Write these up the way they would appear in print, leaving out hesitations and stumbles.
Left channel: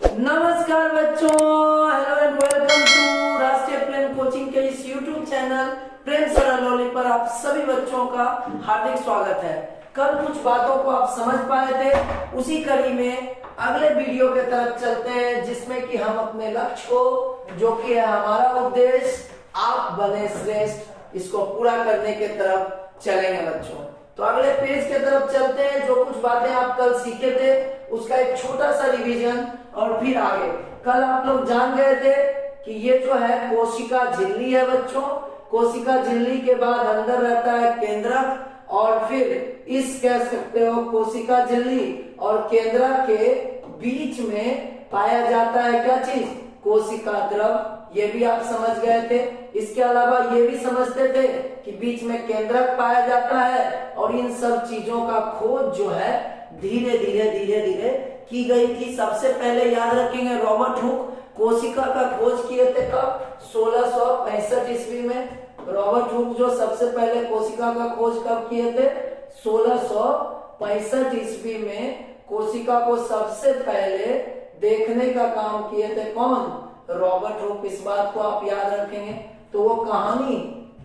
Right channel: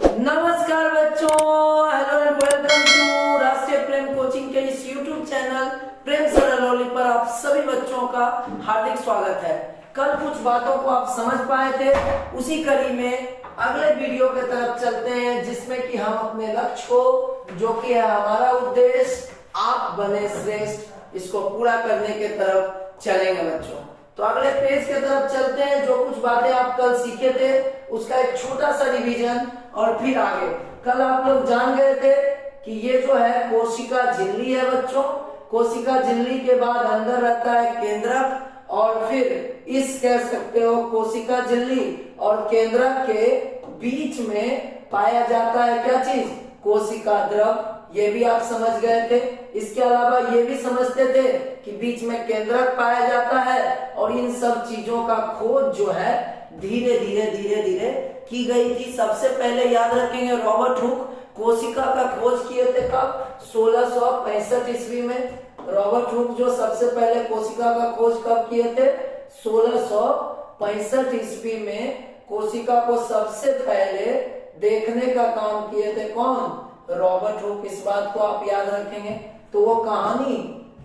नमस्कार बच्चों, hello and welcome to राष्ट्रीय प्रेम कोचिंग के इस यूट्यूब चैनल प्रेम सरलोली पर आप सभी बच्चों का हार्दिक स्वागत है। कल कुछ बातों को आप समझ पाए थे, उसी कड़ी में अगले वीडियो के तरफ चलते हैं, जिसमें कि हम अपने लक्ष्य को, जो कि है हमारा उद्देश्य आप बने श्रेष्ठ, इसको पूरा करने के तरफ चलेंगे बच्चों। तो अगले पेज के तरफ चलते हैं। जो कुछ बातें आप कल सीखे थे उसका एक छोटा सा रिवीजन और फिर आगे। कल आप लोग जान गए थे कि ये जो है कोशिका झिल्ली है बच्चों। कोशिका झिल्ली के बाद अंदर रहता है केंद्रक और फिर इस कह सकते हो कोशिका झिल्ली और केंद्रक के बीच में पाया जाता है क्या चीज, कोशिका द्रव। ये भी आप समझ गए थे। इसके अलावा ये भी समझते थे कि बीच में केंद्रक पाया जाता है और इन सब चीजों का खोज जो है धीरे धीरे की गई थी। सबसे पहले याद रखेंगे रॉबर्ट हुक कोशिका का खोज किए थे कब, 1665 ईस्वी में। रॉबर्ट हुक जो सबसे पहले कोशिका का खोज कब किए थे, 1665 ईस्वी में कोशिका को सबसे पहले देखने का काम किए थे कौन, रॉबर्ट हुक। इस बात को आप याद रखेंगे। तो वो कहानी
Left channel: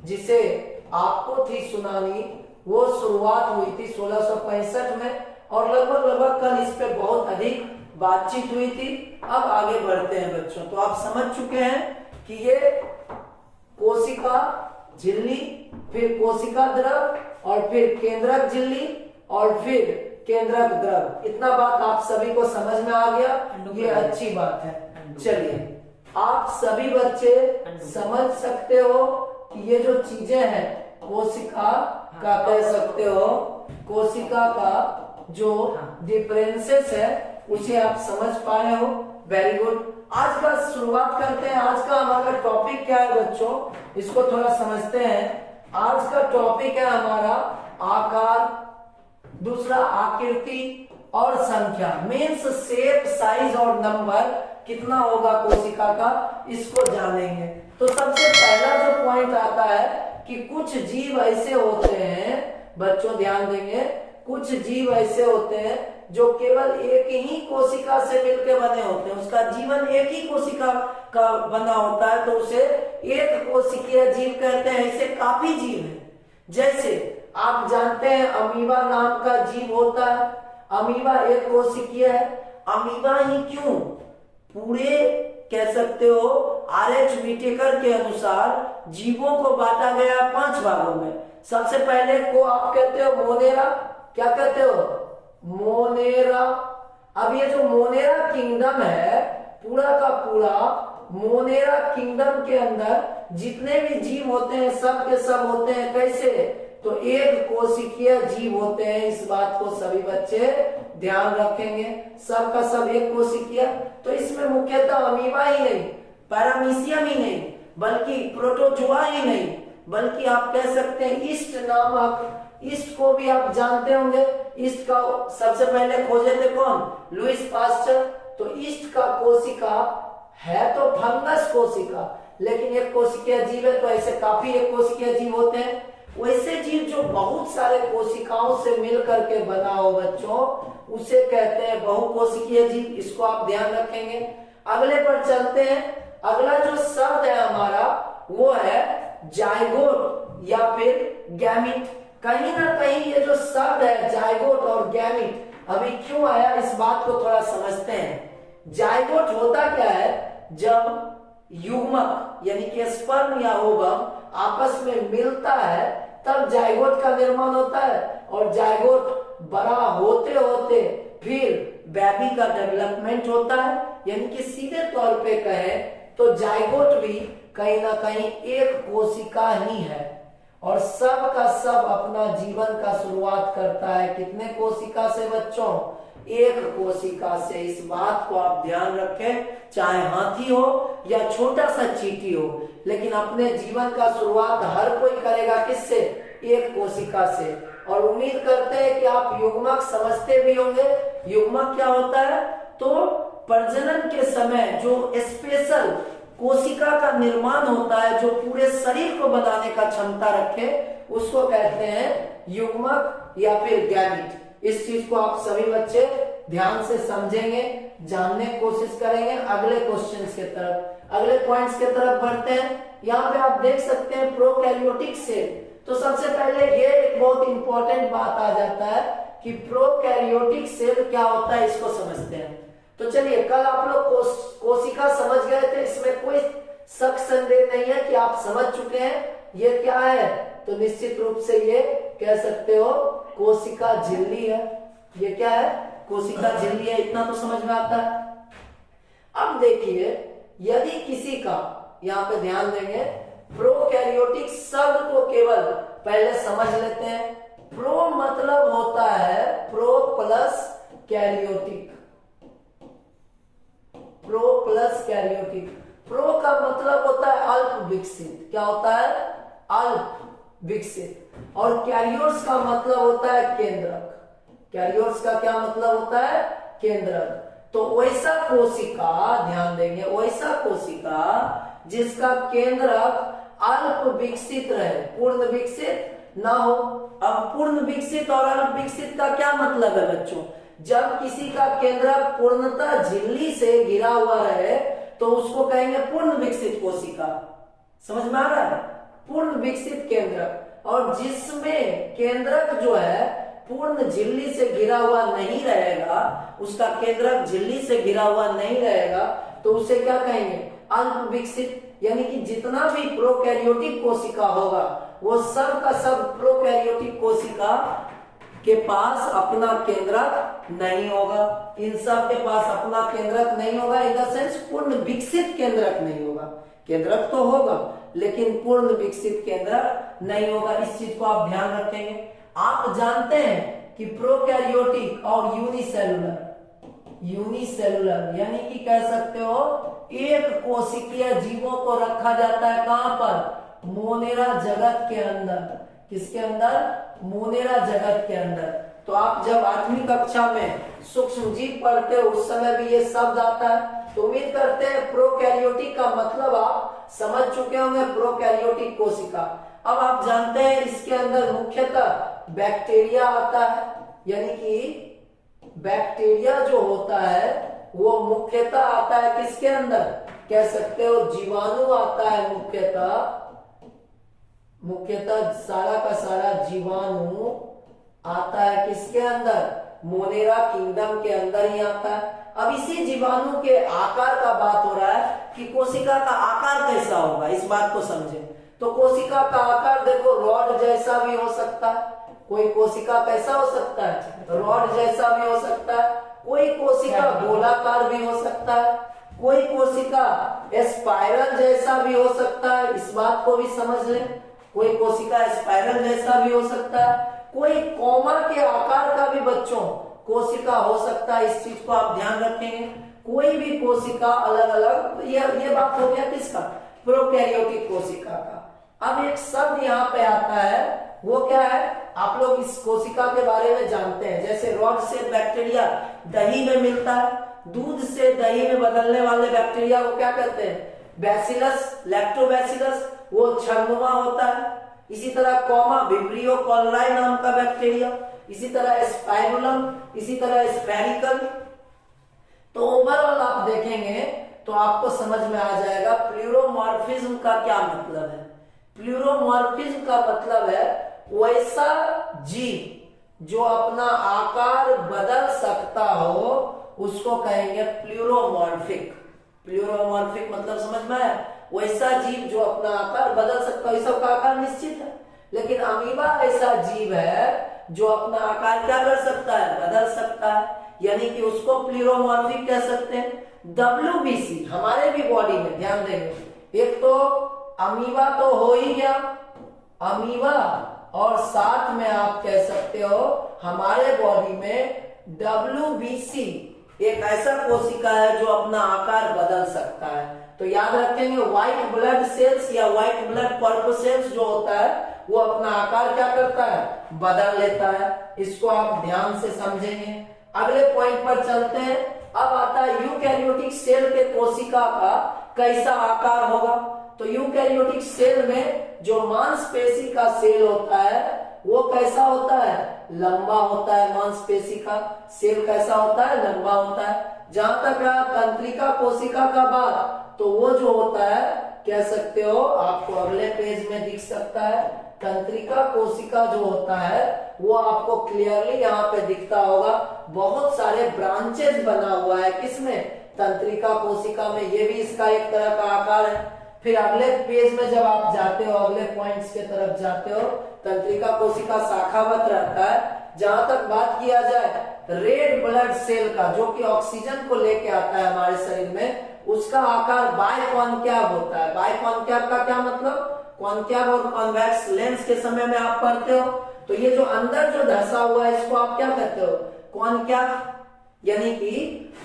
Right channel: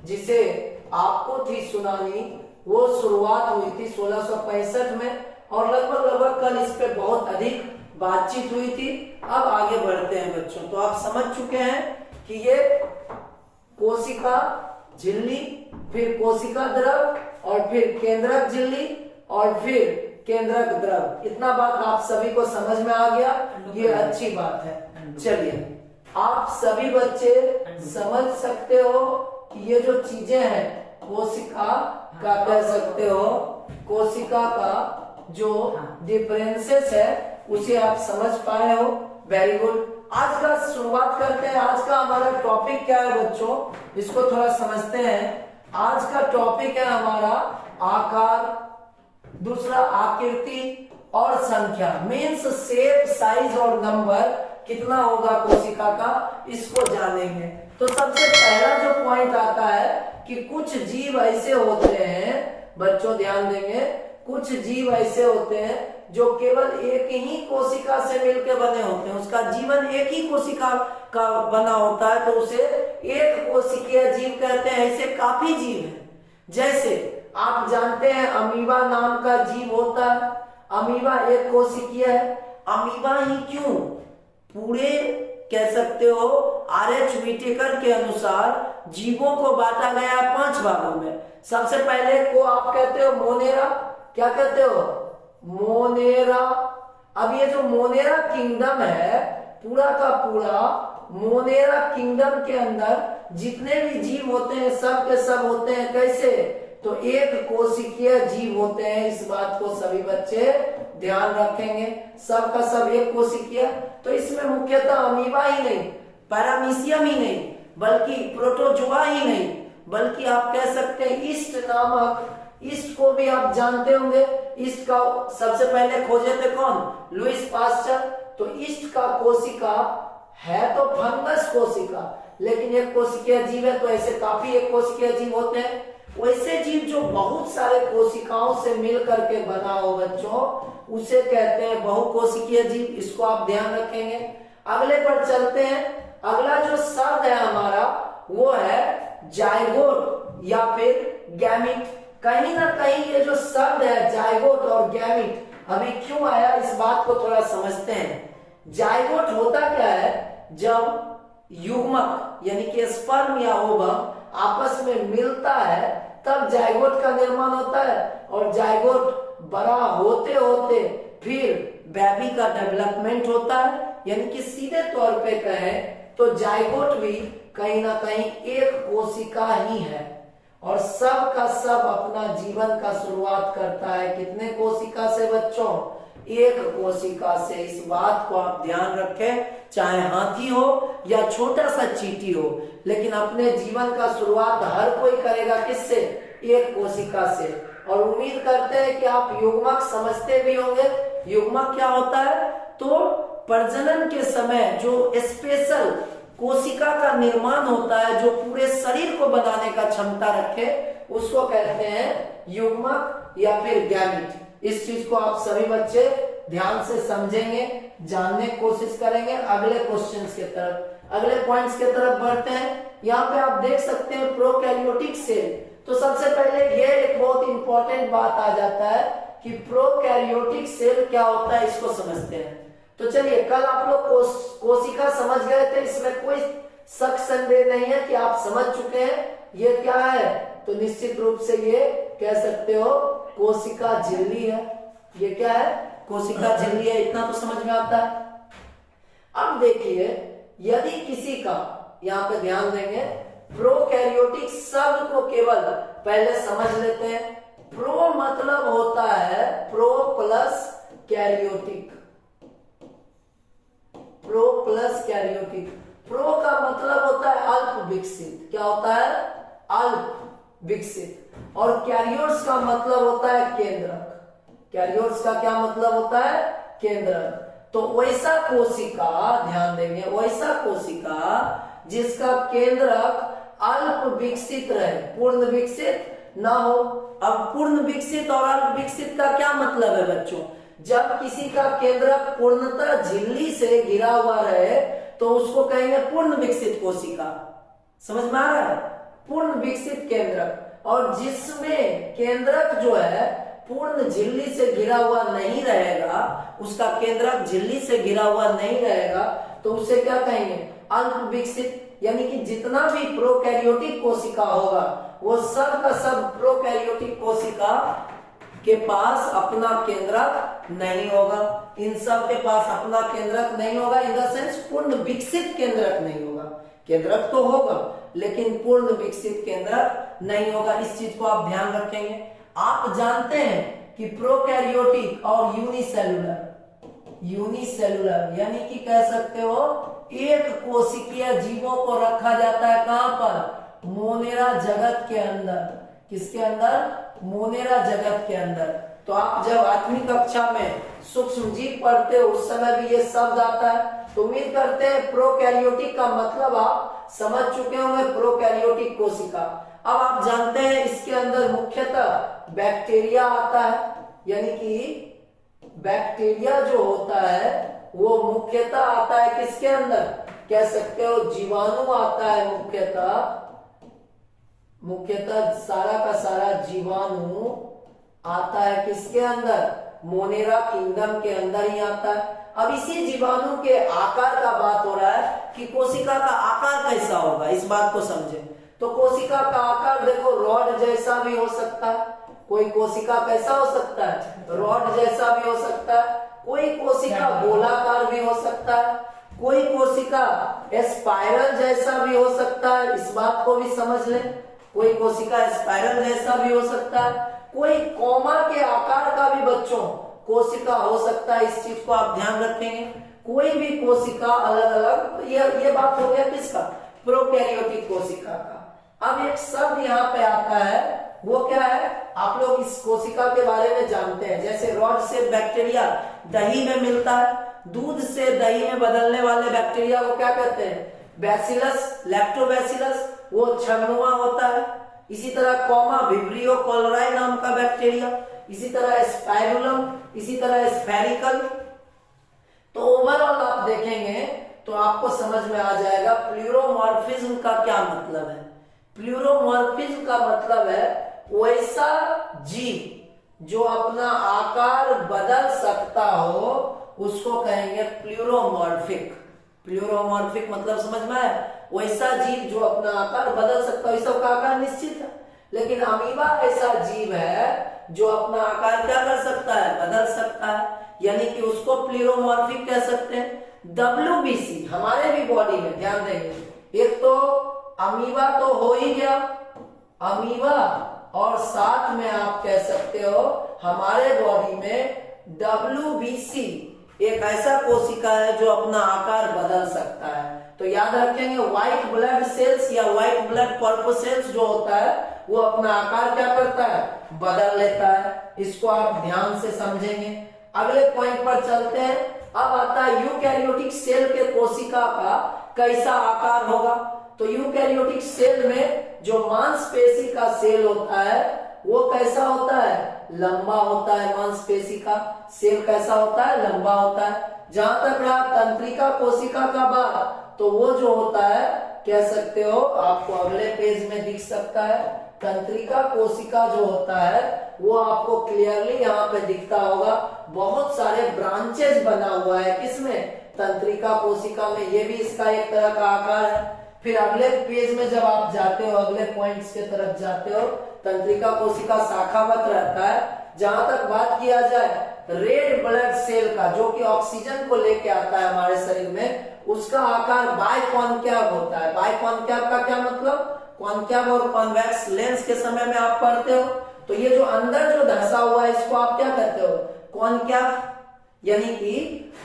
जिसे आपको थी सुनानी, वो शुरुआत हुई थी 1665 में और लगभग कल इस पे बहुत अधिक बातचीत हुई थी। अब आगे बढ़ते हैं बच्चों। तो आप समझ चुके हैं कि ये कोशिका झिल्ली, फिर कोशिका द्रव और फिर केंद्रक झिल्ली और फिर केंद्रक द्रव। इतना बात आप सभी को समझ में आ गया, ये अच्छी बात है। चलिए, आप सभी बच्चे समझ सकते हो कि ये जो चीजें हैं कोशिका का कह सकते हो, कोशिका का जो डिफरेंसेस है उसे आप समझ पाए हो। Very good. आज का शुरुआत करते हैं। आज का हमारा टॉपिक क्या है बच्चों, इसको थोड़ा समझते हैं। आज का टॉपिक है हमारा आकार, दूसरा आकृति और संख्या। मीन्स शेप, साइज और नंबर कितना होगा कोशिका का, इसको जानेंगे। तो सबसे पहला जो पॉइंट आता है कि कुछ जीव ऐसे होते हैं बच्चों, ध्यान देंगे, कुछ जीव ऐसे होते हैं जो केवल एक ही कोशिका से मिलकर बने होते हैं। उसका जीवन एक ही कोशिका का बना होता है, तो उसे एक कोशिकीय जीव कहते हैं। ऐसे काफी जीव हैं। जैसे आप जानते हैं अमीबा नाम का जीव होता है। अमीबा एक कोशिकीय है। अमीबा ही क्यों, पूरे कह सकते हो RH व्हिटेकर के अनुसार जीवों को बांटा गया 5 भागों में। सबसे पहले को आप कहते हो मोनेरा, क्या कहते हो, मोनेरा। अब ये जो मोनेरा किंगडम है, पूरा का पूरा मोनेरा किंगडम के अंदर जितने भी जीव होते हैं सब के सब होते हैं कैसे, तो एक कोशिकीय जीव होते हैं। इस बात को सभी बच्चे ध्यान रखेंगे, सब का सब एक कोशिकीय। तो इसमें मुख्यतः अमीबा ही नहीं, पैरामीशियम ही नहीं, बल्कि प्रोटोजोआ ही नहीं, बल्कि आप कह सकते हैं ईस्ट नामक, ईस्ट को भी आप जानते होंगे। ईस्ट का सबसे पहले खोजे थे कौन, लुईस पास्चर। तो ईस्ट का कोशिका है तो फंगस कोशिका, लेकिन एक कोशिकीय जीव है। तो ऐसे काफी एक कोशिकीय जीव होते हैं। वैसे जीव जो बहुत सारे कोशिकाओं से मिल करके बना हो बच्चों, उसे कहते हैं बहुकोशिकीय जीव। इसको आप ध्यान रखेंगे। अगले पर चलते हैं। अगला जो शब्द है हमारा वो है जाइगोट या फिर गैमिट। कहीं ना कहीं ये जो शब्द है जाइगोट और गैमिट अभी क्यों आया, इस बात को थोड़ा समझते हैं। जाइगोट होता क्या है, जब युग्मक यानी कि स्पर्म या ओवम आपस में मिलता है तब जाइगोट का निर्माण होता है। और जाइगोट बड़ा होते होते फिर बेबी का डेवलपमेंट होता है। यानी कि सीधे तौर पे कहें तो जाइगोट भी कहीं ना कहीं एक कोशिका ही है। और सब का सब अपना जीवन का शुरुआत करता है कितने कोशिका से बच्चों, एक कोशिका से। इस बात को आप ध्यान रखें, चाहे हाथी हो या छोटा सा चींटी हो, लेकिन अपने जीवन का शुरुआत हर कोई करेगा किससे, एक कोशिका से। और उम्मीद करते हैं कि आप युग्मक समझते भी होंगे। युग्मक क्या होता है, तो प्रजनन के समय जो स्पेशल कोशिका का निर्माण होता है, जो पूरे शरीर को बनाने का क्षमता रखे, उसको कहते हैं युग्मक या फिर गैमीट। इस चीज को आप सभी बच्चे ध्यान से समझेंगे। जानने की कोशिश करेंगे अगले क्वेश्चंस के तरफ, अगले पॉइंट्स के तरफ बढ़ते हैं। यहाँ पे आप देख सकते हैं प्रोकैरियोटिक सेल। तो सबसे पहले ये एक बहुत इंपॉर्टेंट बात आ जाता है कि प्रोकैरियोटिक सेल क्या होता है, इसको समझते हैं। तो चलिए, कल आप लोग कोशिका समझ गए थे, इसमें कोई शक संदेह नहीं है कि आप समझ चुके हैं ये क्या है। तो निश्चित रूप से ये कह सकते हो कोशिका झिल्ली है। ये क्या है? कोशिका झिल्ली है, इतना तो समझ में आता है। अब देखिए, यदि किसी का, यहाँ पे ध्यान देंगे, प्रोकैरियोटिक शब्द को केवल पहले समझ लेते हैं। प्रो मतलब होता है pro plus karyotic, pro plus karyotic. Pro का मतलब होता है अल्प विकसित। क्या होता है? अल्प विकसित। और कैरियोट्स का मतलब होता है केंद्रक। कैरियोट्स का क्या मतलब होता है? केंद्रक। तो वैसा कोशिका, ध्यान देंगे, वैसा कोशिका जिसका केंद्रक अल्प विकसित रहे, पूर्ण विकसित ना हो। अब पूर्ण विकसित और अल्प विकसित का क्या मतलब है बच्चों? जब किसी का केंद्रक पूर्णतः झिल्ली से घिरा हुआ रहे तो उसको कहेंगे पूर्ण विकसित कोशिका। समझ में आ रहा है? पूर्ण विकसित केंद्रक। और जिसमें केंद्रक जो है पूर्ण झिल्ली से घिरा हुआ नहीं रहेगा, उसका केंद्रक झिल्ली से घिरा हुआ नहीं रहेगा, तो उसे क्या कहेंगे? अल्प विकसित। यानी कि जितना भी प्रोकैरियोटिक कोशिका होगा वो सब का सब प्रोकैरियोटिक कोशिका के पास अपना केंद्रक नहीं होगा। इन सब के पास अपना केंद्रक नहीं होगा, इन द सेंस पूर्ण विकसित केंद्रक नहीं होगा। केंद्रक तो होगा लेकिन पूर्ण विकसित केंद्रक नहीं होगा। इस चीज को आप ध्यान रखेंगे। आप जानते हैं कि प्रोकैरियोटिक और यूनिसेलुलर, यूनिसेलुलर यानी कि कह सकते हो एक कोशिकीय जीवों को रखा जाता है कहां पर? मोनेरा जगत के अंदर। किसके अंदर? मोनेरा जगत के अंदर। तो आप जब 8वीं कक्षा में सूक्ष्म जीव पढ़ते हो उस समय भी ये शब्द आता है। तो उम्मीद करते हैं प्रोकैरियोटिक का मतलब आप समझ चुके होंगे, प्रोकैरियोटिक कोशिका। अब आप जानते हैं इसके अंदर मुख्यतः बैक्टीरिया आता है। यानी कि बैक्टीरिया जो होता है वो मुख्यतः आता है किसके अंदर? कह सकते हो जीवाणु आता है मुख्यतः सारा का सारा जीवाणु आता है किसके अंदर? मोनेरा किंगडम के अंदर ही आता है। अब इसी जीवाणु के आकार का बात हो रहा है कि कोशिका का आकार कैसा होगा, इस बात को समझें। तो कोशिका का आकार देखो, रॉड जैसा भी हो सकता है। कोई कोशिका कैसा हो सकता है? रॉड जैसा भी हो सकता है। कोई कोशिका गोलाकार भी हो सकता है। कोई कोशिका स्पाइरल जैसा भी हो सकता है, इस बात को भी समझ लें। कोई कोशिका स्पाइरल जैसा भी हो सकता है। कोई कोमा के आकार का भी बच्चों कोशिका हो सकता है, इस चीज को आप ध्यान रखेंगे। कोई भी कोशिका अलग अलग, ये बात हो गया किसका? प्रोकैरियोटिक कोशिका का। अब एक शब्द यहाँ पे आता है, वो क्या है? आप लोग इस कोशिका के बारे में जानते हैं। जैसे रॉड से बैक्टीरिया दही में मिलता है, दूध से दही में बदलने वाले बैक्टीरिया को क्या कहते हैं? बैसिलस, लैक्टोबैसिलस, वो छड़नुमा होता है। इसी तरह कॉमा विब्रियो कोलराई नाम का बैक्टीरिया, इसी तरह स्पाइरुलम, इसी तरह स्फेरिकल। तो ओवरऑल आप देखेंगे तो आपको समझ में आ जाएगा प्लूरोमॉर्फिज्म का क्या मतलब है। प्लूरोमॉर्फिज्म का मतलब है वैसा जीव जो अपना आकार बदल सकता हो उसको कहेंगे प्लूरोमॉर्फिक। प्लूरोमॉर्फिक मतलब समझ में आया? वैसा जीव जो अपना आकार बदल सकता है। सबका आकार निश्चित है, लेकिन अमीबा ऐसा जीव है जो अपना आकार क्या कर सकता है? बदल सकता है। यानी कि उसको प्लूरोमॉर्फिक कह सकते हैं। WBC हमारे भी बॉडी में, ध्यान देंगे, एक तो अमीबा तो हो ही गया, अमीबा, और साथ में आप कह सकते हो हमारे बॉडी में WBC एक ऐसा कोशिका है जो अपना आकार बदल सकता है। तो याद रखेंगे व्हाइट ब्लड सेल्स या व्हाइट ब्लड कॉर्पोसेल्स जो होता है वो अपना आकार क्या करता है? बदल लेता है। इसको आप ध्यान से समझेंगे। अगले पॉइंट पर चलते हैं। अब आता है यूकैरियोटिक सेल के कोशिका का कैसा आकार होगा। तो यूकैरियोटिक सेल में जो मांसपेशी का सेल होता है वो कैसा होता है? लंबा होता है। मांसपेशी का सेल कैसा होता है? लंबा होता है। जहां तक रहा तंत्रिका कोशिका का बात, तो वो जो होता है कह सकते हो, आपको अगले पेज में दिख सकता है। तंत्रिका कोशिका जो होता है वो आपको क्लियरली यहाँ पे दिखता होगा, बहुत सारे ब्रांचेस बना हुआ है किसमें, तंत्रिका कोशिका में। ये भी इसका एक तरह का आकार है। फिर अगले पेज में जब आप जाते हो, अगले पॉइंट्स के तरफ जाते हो, तंत्रिका कोशिका शाखावत रहता है। जहां तक बात किया जाए रेड ब्लड सेल का, जो कि ऑक्सीजन को लेके आता है हमारे शरीर में, उसका आकार बाइकॉन्केव होता है। बाइकॉन्केव का क्या मतलब, कॉन्केव और कॉन्वेक्स लेंस के समय में आप पढ़ते हो। तो ये जो अंदर जो धंसा हुआ है इसको आप क्या कहते हो, कॉन्केव, यानी कि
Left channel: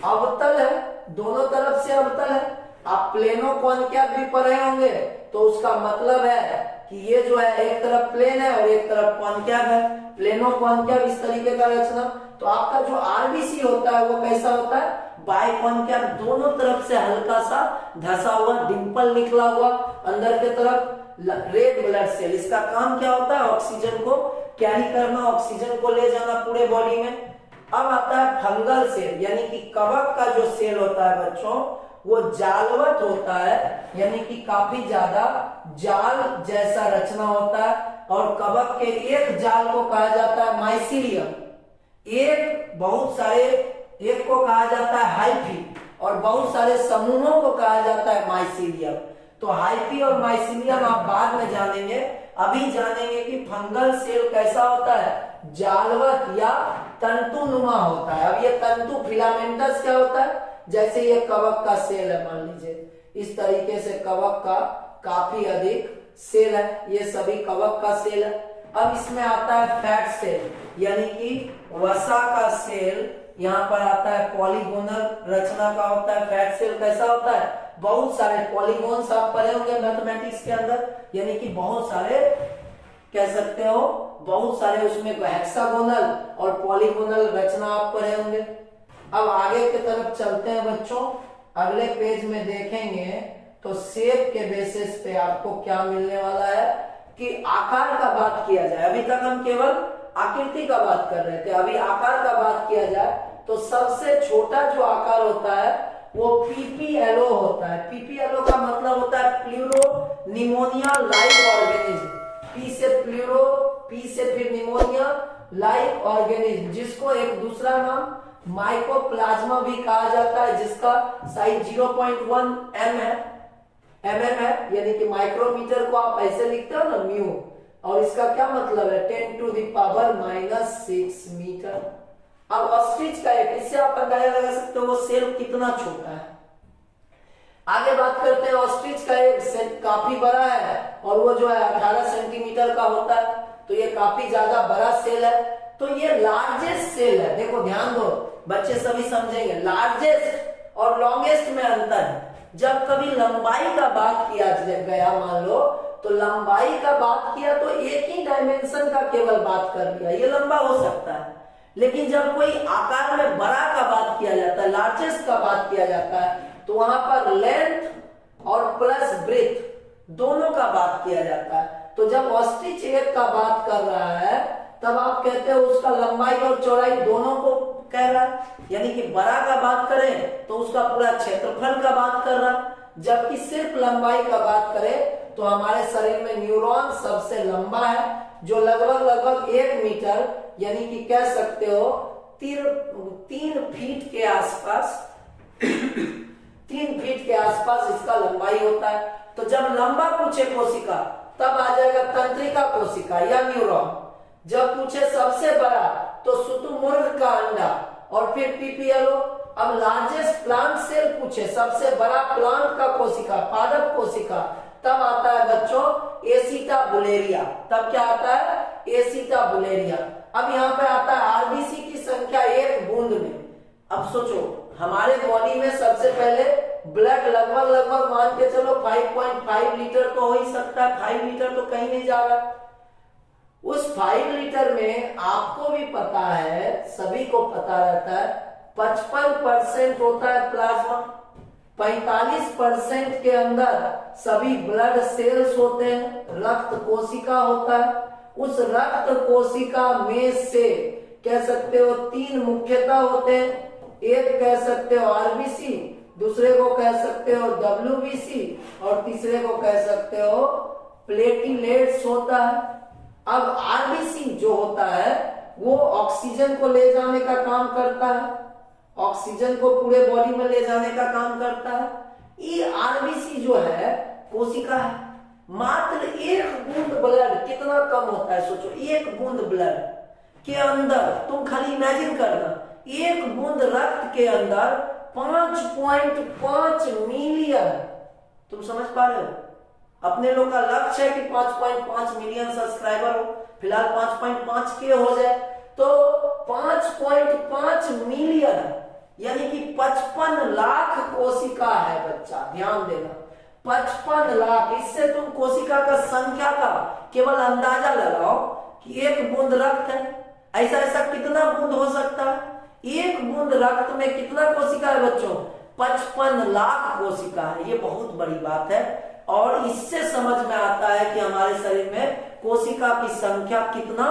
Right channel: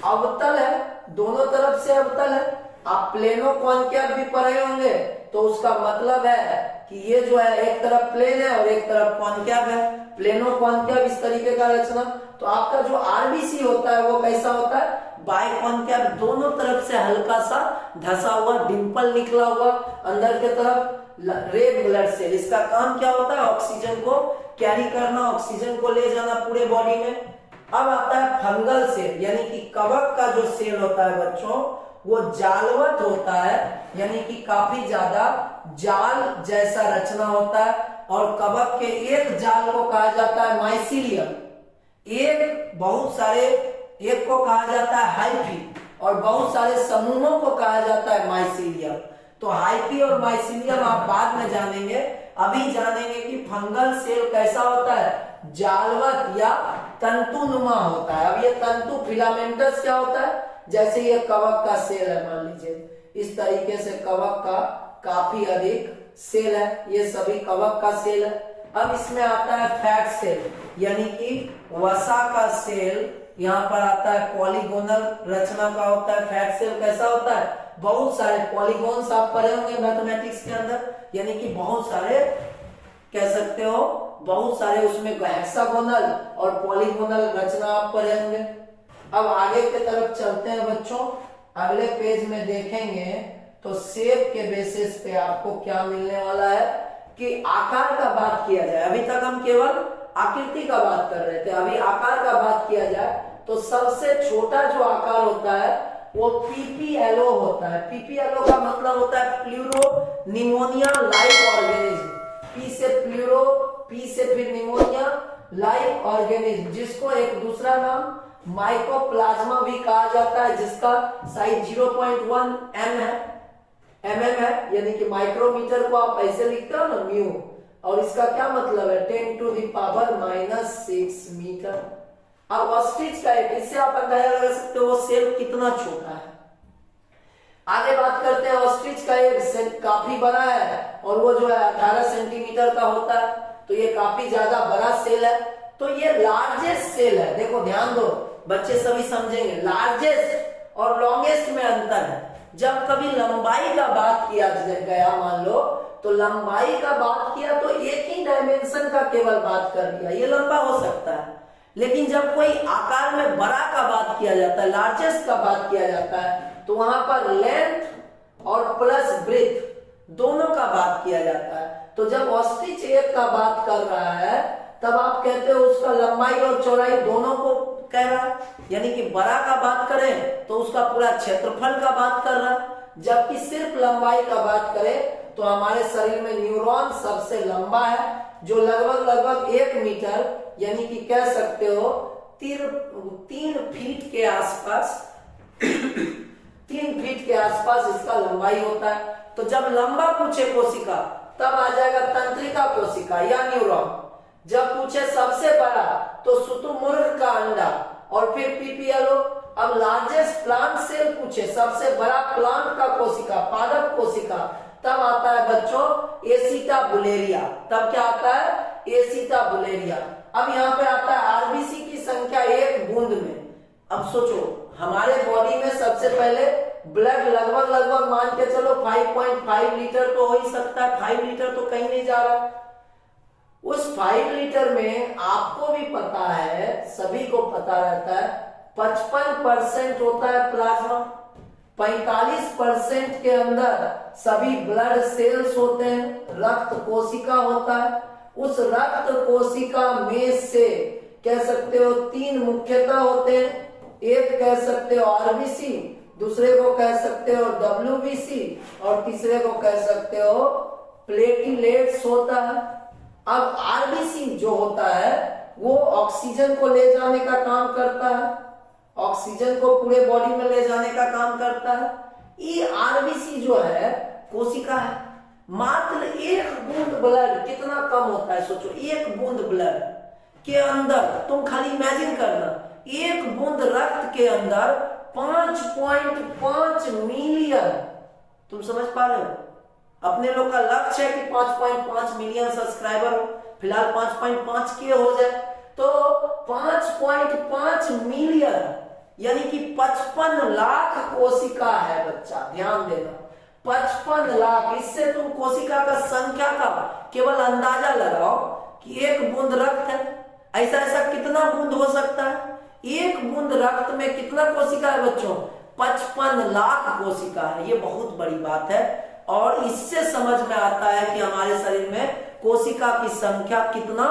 अवतल है, दोनों तरफ से अवतल है। आप प्लेनो कॉन्केव भी पढ़े होंगे, तो उसका मतलब है कि ये जो है एक तरफ प्लेन है और एक तरफ कॉन्केव है। प्लेनो कॉन्केव इस तरीके का रचना। तो आपका जो आरबीसी होता है वो कैसा होता है, बाइकॉन्केव, दोनों तरफ से हल्का सा धसा हुआ, डिंपल निकला हुआ, अंदर के तरफ रेड ब्लड सेल। इसका काम क्या होता है, ऑक्सीजन को कैरी करना, ऑक्सीजन को ले जाना पूरे बॉडी में। अब आता है फंगल सेल, यानी कि कवक का जो सेल होता है बच्चों, वो जालवत होता है, यानी कि काफी ज्यादा जाल जैसा रचना होता है। और कवक के एक जाल को कहा जाता है माइसीलियम, एक बहुत सारे, एक को कहा जाता है हाइफी, और बहुत सारे समूहों को कहा जाता है माइसीलियम। तो हाइफी और माइसीलियम आप बाद में जानेंगे, अभी जानेंगे कि फंगल सेल कैसा होता है, जालवत या तंतुनुमा होता है। अब ये तंतु फिलामेंटस क्या होता है, जैसे ये कवक का सेल है, मान लीजिए इस तरीके से कवक का काफी अधिक सेल है, ये सभी कवक का सेल है। अब इसमें आता है फैट सेल, यानी कि वसा का सेल। यहाँ पर आता है पॉलीगोनल रचना का होता है। फैट सेल कैसा होता है, बहुत सारे पॉलीगोन्स आप पढ़े होंगे मैथमेटिक्स के अंदर, यानी कि बहुत सारे कह सकते हो, बहुत सारे उसमें हेक्सागोनल और पॉलीगोनल रचना आप पढ़े होंगे। अब आगे की तरफ चलते हैं बच्चों, अगले पेज में देखेंगे तो शेप के बेसिस पे आपको क्या मिलने वाला है कि आकार का बात किया जाए, अभी तक हम केवल आकृति का बात कर रहे थे, अभी आकार का बात किया जाए तो सबसे छोटा जो आकार होता है वो पीपीएलओ होता है। पीपीएलओ का मतलब होता है pleuro pneumonia like organism. P से प्लूरो, पी से फिर निमोनिया लाइक ऑर्गेनिज्म, जिसको एक दूसरा नाम माइकोप्लाज्मा भी कहा जाता है, जिसका साइज 0.1 एम है, mm है, यानी कि माइक्रोमीटर को आप ऐसे लिखते हो ना म्यू, और इसका क्या मतलब है 10⁻⁻⁶ मीटर। अब ऑस्ट्रिच का एक, इससे आप अंदाजा लगा सकते हो वो सेल कितना छोटा है। आगे बात करते हैं, ऑस्ट्रिच का एक सेल काफी बड़ा है और वो जो है 18 सेंटीमीटर का होता है, तो ये काफी ज्यादा बड़ा सेल है। तो ये लार्जेस्ट सेल है, देखो ध्यान दो बच्चे सभी समझेंगे, लार्जेस्ट और लॉन्गेस्ट में अंतर है। जब कभी लंबाई का बात किया गया, मान लो तो लंबाई का बात किया तो एक ही डायमेंशन का केवल बात कर दिया, ये लंबा हो सकता है। लेकिन जब कोई आकार में बड़ा का बात किया जाता है, लार्जेस्ट का बात किया जाता है, तो वहां पर लेंथ और प्लस ब्रेथ दोनों का बात किया जाता है। तो जब ऑस्ट्रिच एक का बात कर रहा है तब आप कहते हो उसका लंबाई और चौड़ाई दोनों को कह रहा है, यानी कि बड़ा का बात करें तो उसका पूरा क्षेत्रफल का बात कर रहा है। जबकि सिर्फ लंबाई का बात करें तो हमारे शरीर में न्यूरॉन सबसे लंबा है, जो लगभग 1 मीटर, यानी कि कह सकते हो 3 फीट के आसपास 3 फीट के आसपास इसका लंबाई होता है। तो जब लंबा पूछे कोशिका तब आ जाएगा तंत्रिका कोशिका या न्यूरॉन। जब पूछे सबसे बड़ा तो शुतुरमुर्ग का अंडा और फिर पीपीएलओ। अब लार्जेस्ट प्लांट सेल पूछे, सबसे बड़ा प्लांट का कोशिका, पादप कोशिका, तब आता है बच्चों एसिटाबुलेरिया। तब क्या आता है, एसिटाबुलेरिया। अब यहाँ पे आता है आरबीसी की संख्या 1 बूंद में। अब सोचो हमारे बॉडी में सबसे पहले ब्लड लगभग मान के चलो 5.5 लीटर तो हो ही सकता है, 5 लीटर तो कहीं नहीं जा रहा। उस 5 लीटर में आपको भी पता है, सभी को पता रहता है, 55% होता है प्लाज्मा, 45% के अंदर सभी ब्लड सेल्स होते हैं, रक्त कोशिका होता है। उस रक्त कोशिका में से कह सकते हो 3 मुख्यतः होते हैं, एक कह सकते हो आरबीसी, दूसरे को कह सकते हो डब्ल्यूबीसी और तीसरे को कह सकते हो प्लेटलेट्स होता है। अब आरबीसी जो होता है वो ऑक्सीजन को ले जाने का काम करता है, ऑक्सीजन को पूरे बॉडी में ले जाने का काम करता है। ये आरबीसी जो है कोशिका है। मात्र एक बूंद ब्लड कितना कम होता है सोचो, एक बूंद ब्लड के अंदर तुम खाली इमेजिन करना, एक बूंद रक्त के अंदर 5.5 मिलियन, तुम समझ पा रहे हो? अपने लोग का लक्ष्य है कि 5.5 मिलियन सब्सक्राइबर हो, फिलहाल 5.5 के हो जाए तो 5.5 मिलियन यानी कि 55 लाख कोशिका है बच्चा, ध्यान देना 55 लाख। इससे तुम कोशिका का संख्या का केवल अंदाजा लगाओ कि एक बूंद रक्त है, ऐसा ऐसा कितना बूंद हो सकता है? एक बूंद रक्त में कितना कोशिका है बच्चों? 55 लाख कोशिका है। ये बहुत बड़ी बात है और इससे समझ में आता है कि हमारे शरीर में कोशिका की संख्या कितना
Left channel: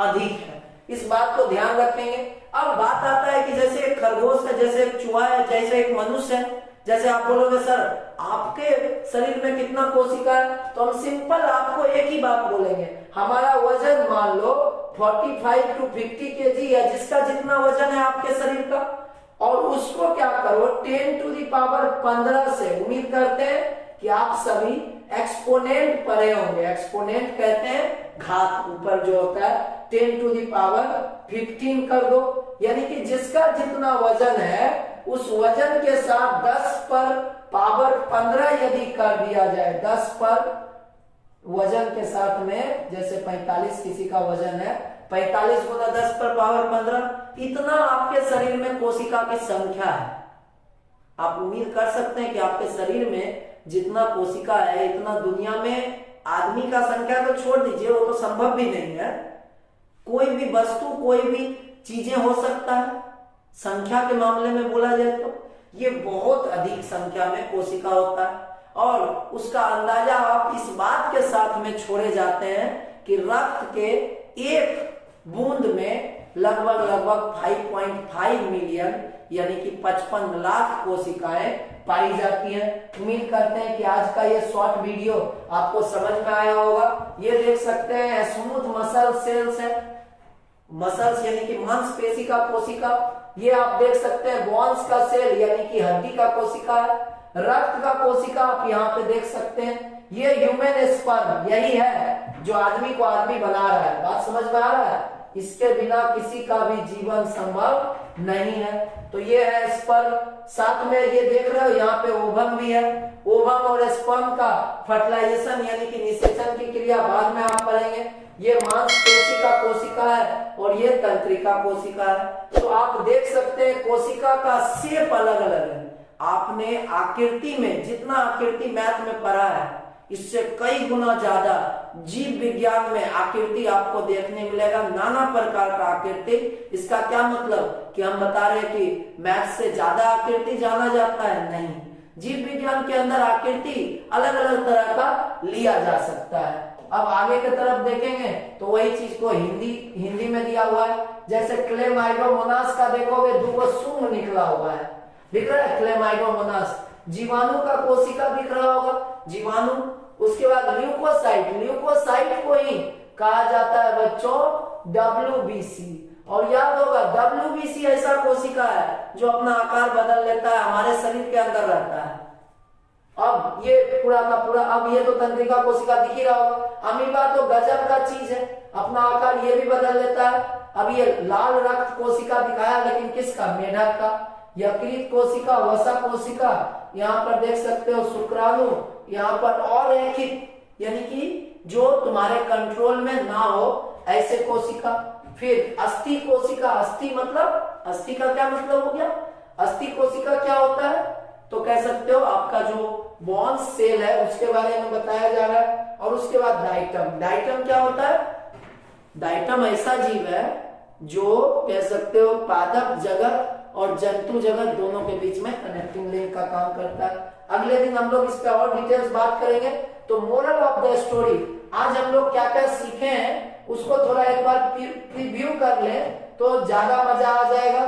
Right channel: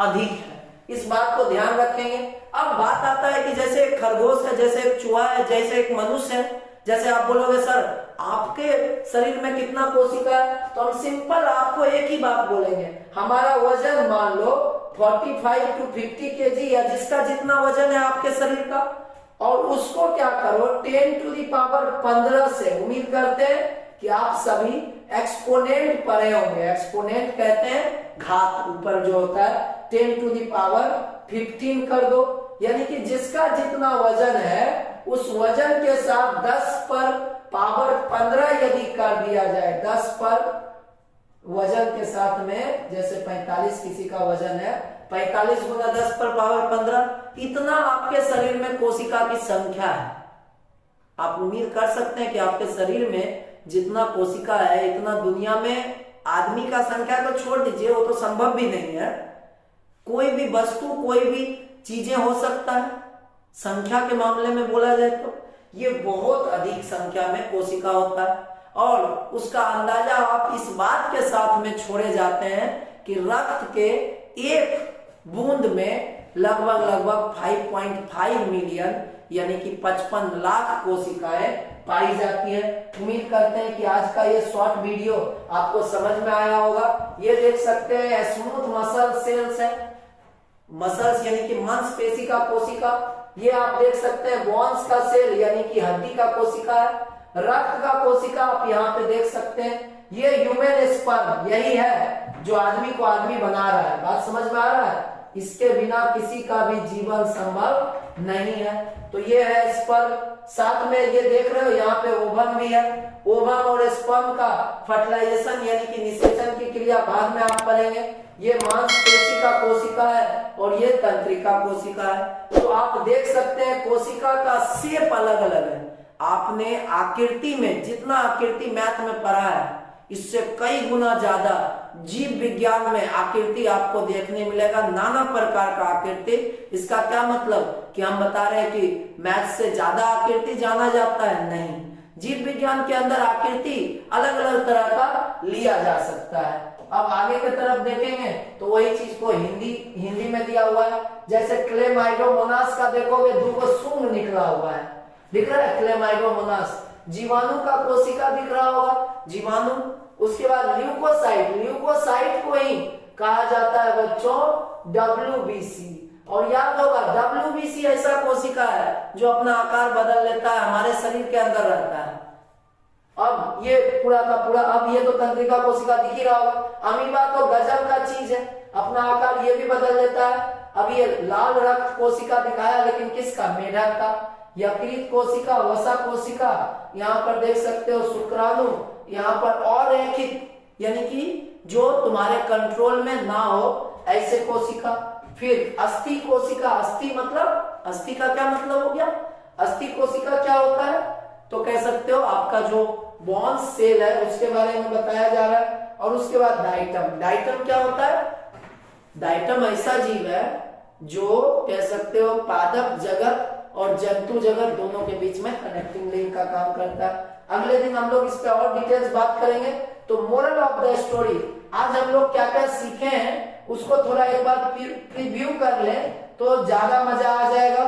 अधिक है। इस बात को ध्यान रखेंगे। अब बात आता है कि जैसे एक खरगोश है, जैसे एक चूहा है, जैसे एक मनुष्य है, जैसे आप बोलोगे सर आपके शरीर में कितना कोशिका है, तो हम सिंपल आपको एक ही बात बोलेंगे, हमारा वजन मान लो 45 to 50 केजी है, जिसका जितना वजन है आपके शरीर का, और उसको क्या करो 10 to the power 15 से, उम्मीद करते हैं कि आप सभी एक्सपोनेंट पढ़े होंगे। एक्सपोनेंट कहते हैं घात, ऊपर जो होता है 10 to the power 15 कर दो, यानी कि जिसका जितना वजन है उस वजन के साथ 10 पर पावर 15 यदि कर दिया जाए, 10 पर वजन के साथ में, जैसे 45 किसी का वजन है, 45 गुना 10 पर पावर 15, इतना आपके शरीर में कोशिका की संख्या है। आप उम्मीद कर सकते हैं कि आपके शरीर में जितना कोशिका है इतना दुनिया में आदमी का संख्या तो छोड़ दीजिए, वो तो संभव भी नहीं है। कोई भी वस्तु, कोई भी चीजें हो सकता है। संख्या के मामले में बोला जाए तो ये बहुत अधिक संख्या में कोशिका होता है और उसका अंदाजा आप इस बात के साथ में छोड़े जाते हैं कि रक्त के एक बूंद में लगभग 5.5 मिलियन यानी कि 55 लाख कोशिकाएं पाई जाती है। उम्मीद करते हैं कि आज का ये शॉर्ट वीडियो आपको समझ में आया होगा। ये देख सकते हैं स्मूथ मसल सेल्स है, मसल्स यानी कि मांसपेशी का कोशिका। ये आप देख सकते हैं बोन्स का सेल यानी कि हड्डी का कोशिका है। रक्त का कोशिका आप यहाँ पे देख सकते हैं। ये ह्यूमन स्पर्म यही है जो आदमी को आदमी बना रहा है। बात समझ में आ रहा है? इसके बिना किसी का भी जीवन संभव नहीं है। तो ये है स्पर्म, साथ में ये देख रहे हो यहाँ पे ओवम भी है। ओवम और स्पर्म का फर्टिलाइजेशन यानी कि निषेचन की क्रिया बाद में आप पढ़ेंगे। ये मांसपेशी का कोशिका है और ये तंत्रिका कोशिका है। तो आप देख सकते हैं कोशिका का शेप अलग अलग है। आपने आकृति में जितना आकृति मैथ में पढ़ा है इससे कई गुना ज्यादा जीव विज्ञान में आकृति आपको देखने मिलेगा, नाना प्रकार का आकृति। इसका क्या मतलब कि हम बता रहे हैं कि मैथ से ज्यादा आकृति जाना जाता है? नहीं, जीव विज्ञान के अंदर आकृति अलग अलग तरह का लिया जा सकता है। अब आगे की तरफ देखेंगे तो वही चीज को हिंदी में दिया हुआ है। जैसे क्लेमाइडोमोनास का देखोगे दो सूंग निकला हुआ है, दिख रहा है क्लेमाइडोमोनास। जीवाणु का कोशिका दिख रहा होगा, जीवाणु। उसके बाद ल्यूकोसाइट, ल्यूकोसाइट को ही कहा जाता है बच्चों WBC। और याद होगा WBC ऐसा कोशिका है जो अपना आकार बदल लेता है, हमारे शरीर के अंदर रहता है। अब ये पूरा का पूरा, अब ये तो तंत्रिका कोशिका दिख ही रहा होगा। अमीबा तो गजब का चीज है, अपना आकार ये भी बदल लेता है। अब ये लाल रक्त कोशिका दिखाया लेकिन किसका? मेढक का। यकृत कोशिका, वसा कोशिका, यहाँ पर देख सकते हो शुक्राणु, यहाँ पर अरेखित यानी कि जो तुम्हारे कंट्रोल में ना हो ऐसे कोशिका। फिर अस्थि कोशिका, अस्थि मतलब, अस्थि का क्या मतलब हो गया? अस्थि कोशिका क्या होता है? तो कह सकते हो आपका जो बोन्स सेल है उसके बारे में बताया जा रहा है। और उसके बाद डाइटम, डाइटम क्या होता है? डाइटम ऐसा जीव है जो कह सकते हो पादप जगत और जंतु जगत दोनों के बीच में कनेक्टिंग लिंक का काम करता है। अगले दिन हम लोग इस पे और डिटेल्स बात करेंगे। तो मोरल ऑफ द स्टोरी, आज हम लोग क्या क्या सीखे हैं उसको थोड़ा एक बार प्रीव्यू कर ले तो ज्यादा मजा आ जाएगा।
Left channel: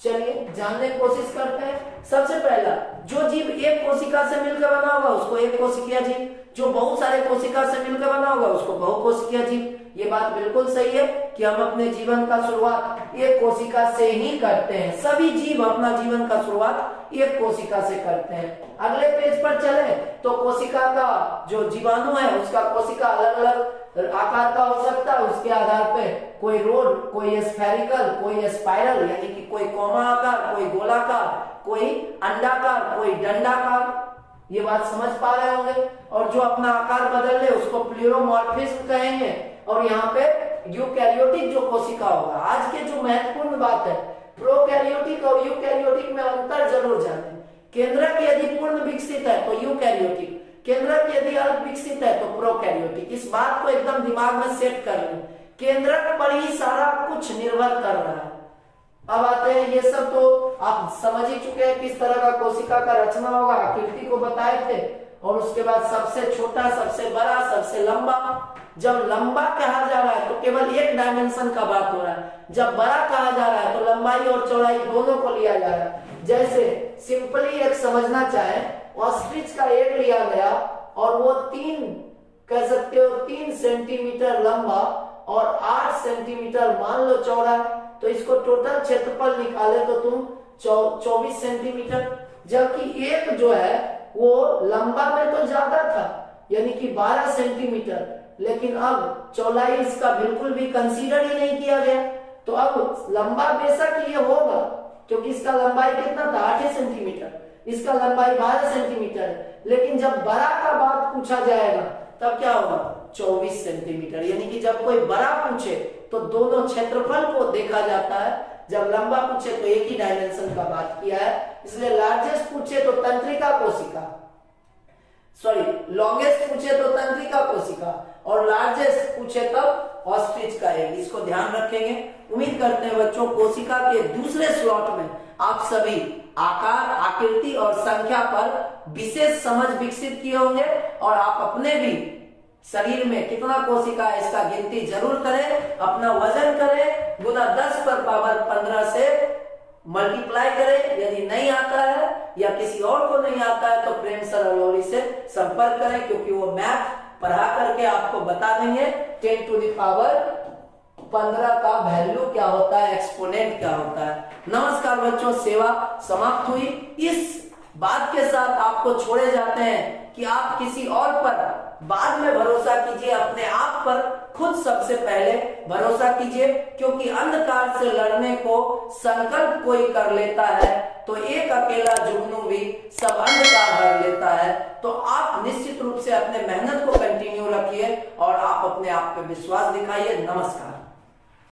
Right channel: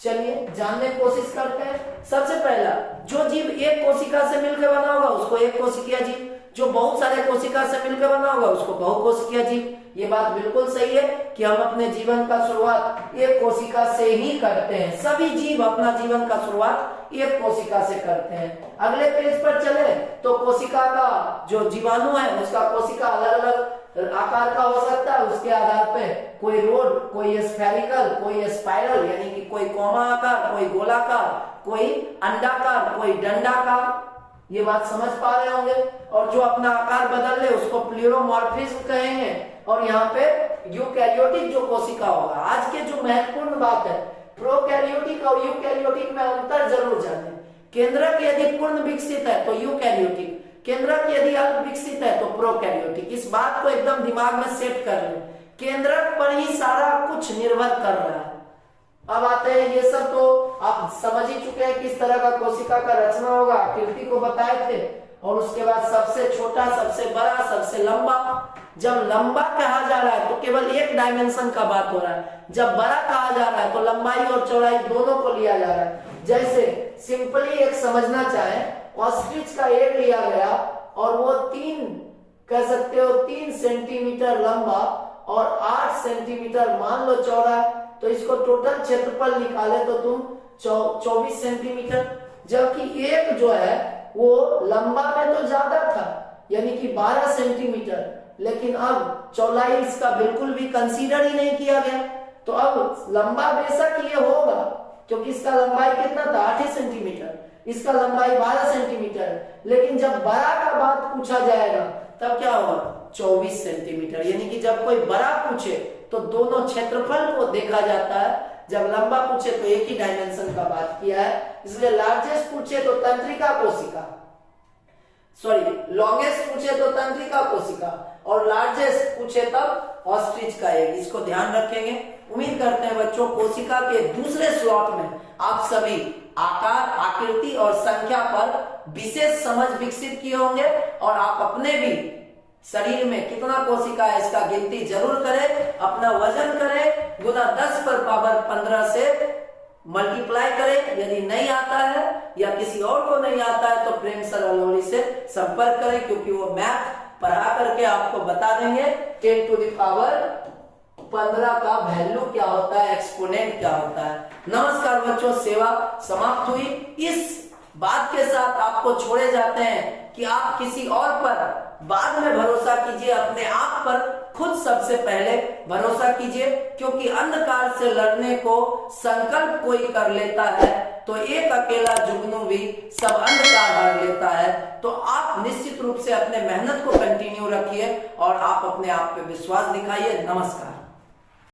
चलिए जानने की कोशिश करते हैं। सबसे पहला, जो जीव एक कोशिका से मिलकर बना होगा उसको एक कोशिकीय जीव, जो बहुत सारे कोशिका से मिलकर बना होगा उसको बहुकोशिकीय जीव। ये बात बिल्कुल सही है कि हम अपने जीवन का शुरुआत एक कोशिका से ही करते हैं। सभी जीव अपना जीवन का शुरुआत एक कोशिका से करते हैं। अगले पेज पर चले तो कोशिका का जो जीवाणु है उसका कोशिका अलग अलग आकार का हो सकता है। उसके आधार पे कोई रोड, कोई स्फेरिकल, कोई स्पाइरल यानी कि कोई कोमा आकार, कोई गोलाकार, कोई अंडाकार, कोई डंडाकार। ये बात समझ पा रहे होंगे। और जो अपना आकार बदल ले उसको प्लूरोमॉर्फिज्म कहेंगे। और यहाँ पे यूकैरियोटिक जो कोशिका होगा, आज के जो महत्वपूर्ण बात है, प्रोकैरियोटिक और यूकैरियोटिक में अंतर जरूर जाने। केंद्रक यदि पूर्ण विकसित है तो यूकैरियोटिक, केंद्रक यदि अल्प विकसित है तो प्रोकैरियोटिक। इस बात को एकदम दिमाग में सेट कर लें, केंद्रक पर ही सारा कुछ निर्भर कर रहा है। अब आते हैं, ये सब तो आप समझ ही चुके हैं किस तरह का कोशिका का रचना होगा, आकृति को बताए थे। और उसके बाद सबसे छोटा, सबसे बड़ा, सबसे लंबा। जब लंबा कहा जा रहा है तो केवल एक डायमेंशन का बात हो रहा है। जब बड़ा कहा जा रहा है तो लंबाई और चौड़ाई दोनों को लिया जा रहा है। जैसे सिंपली एक समझना चाहे, ऑस्ट्रिच का एग लिया गया और वो 3 सेंटीमीटर लंबा और 8 सेंटीमीटर मान लो चौड़ा, तो इसको टोटल क्षेत्रफल निकाले तो तुम 24 सेंटीमीटर। जबकि एक जो है वो लंबा में तो ज्यादा था यानी कि 12 सेंटीमीटर, लेकिन अब चौड़ाई इसका बिल्कुल भी कंसीडर ही नहीं किया गया। तो अब लंबा बेशक ये होगा क्योंकि इसका लंबाई कितना था, 8 सेंटीमीटर, इसका लंबाई 12 सेंटीमीटर। लेकिन जब बड़ा का बात पूछा जाएगा तब क्या होगा, 24 सेंटीमीटर। यानी कि जब कोई बड़ा पूछे तो दोनों क्षेत्रफल को देखा जाता है, जब लंबा पूछे तो एक ही डायमेंशन का बात किया है। इसलिए लार्जेस्ट पूछे तो तंत्रिका कोशिका, सॉरी लॉन्गेस्ट पूछे तो तंत्रिका कोशिका, और लार्जेस्ट पूछे तब ऑस्ट्रिच का एग। इसको ध्यान रखेंगे। उम्मीद करते हैं बच्चों कोशिका के दूसरे स्लॉट में आप सभी आकार, आकृति और संख्या पर विशेष समझ विकसित किए होंगे और आप अपने भी शरीर में कितना कोशिका है इसका गिनती जरूर करें, अपना वजन करें, गुना 10 पर पावर 15 से मल्टीप्लाई करें। यदि नहीं आता है या किसी और को नहीं आता है तो प्रेम सर अलोरी से संपर्क करें, क्योंकि वो मैथ पढ़ा करके आपको बता देंगे 10 टू द पावर 15 का वैल्यू क्या होता है, एक्सपोनेंट क्या होता है। नमस्कार बच्चों, सेवा समाप्त हुई। इस बात के साथ आपको छोड़े जाते हैं कि आप किसी और पर बाद में भरोसा कीजिए, अपने आप पर खुद सबसे पहले भरोसा कीजिए, क्योंकि अंधकार से लड़ने को संकल्प कोई कर लेता है तो एक अकेला जुगनू भी सब अंधकार हर लेता है। तो आप निश्चित रूप से अपने मेहनत को कंटिन्यू रखिए और आप अपने आप पे विश्वास दिखाइए। नमस्कार।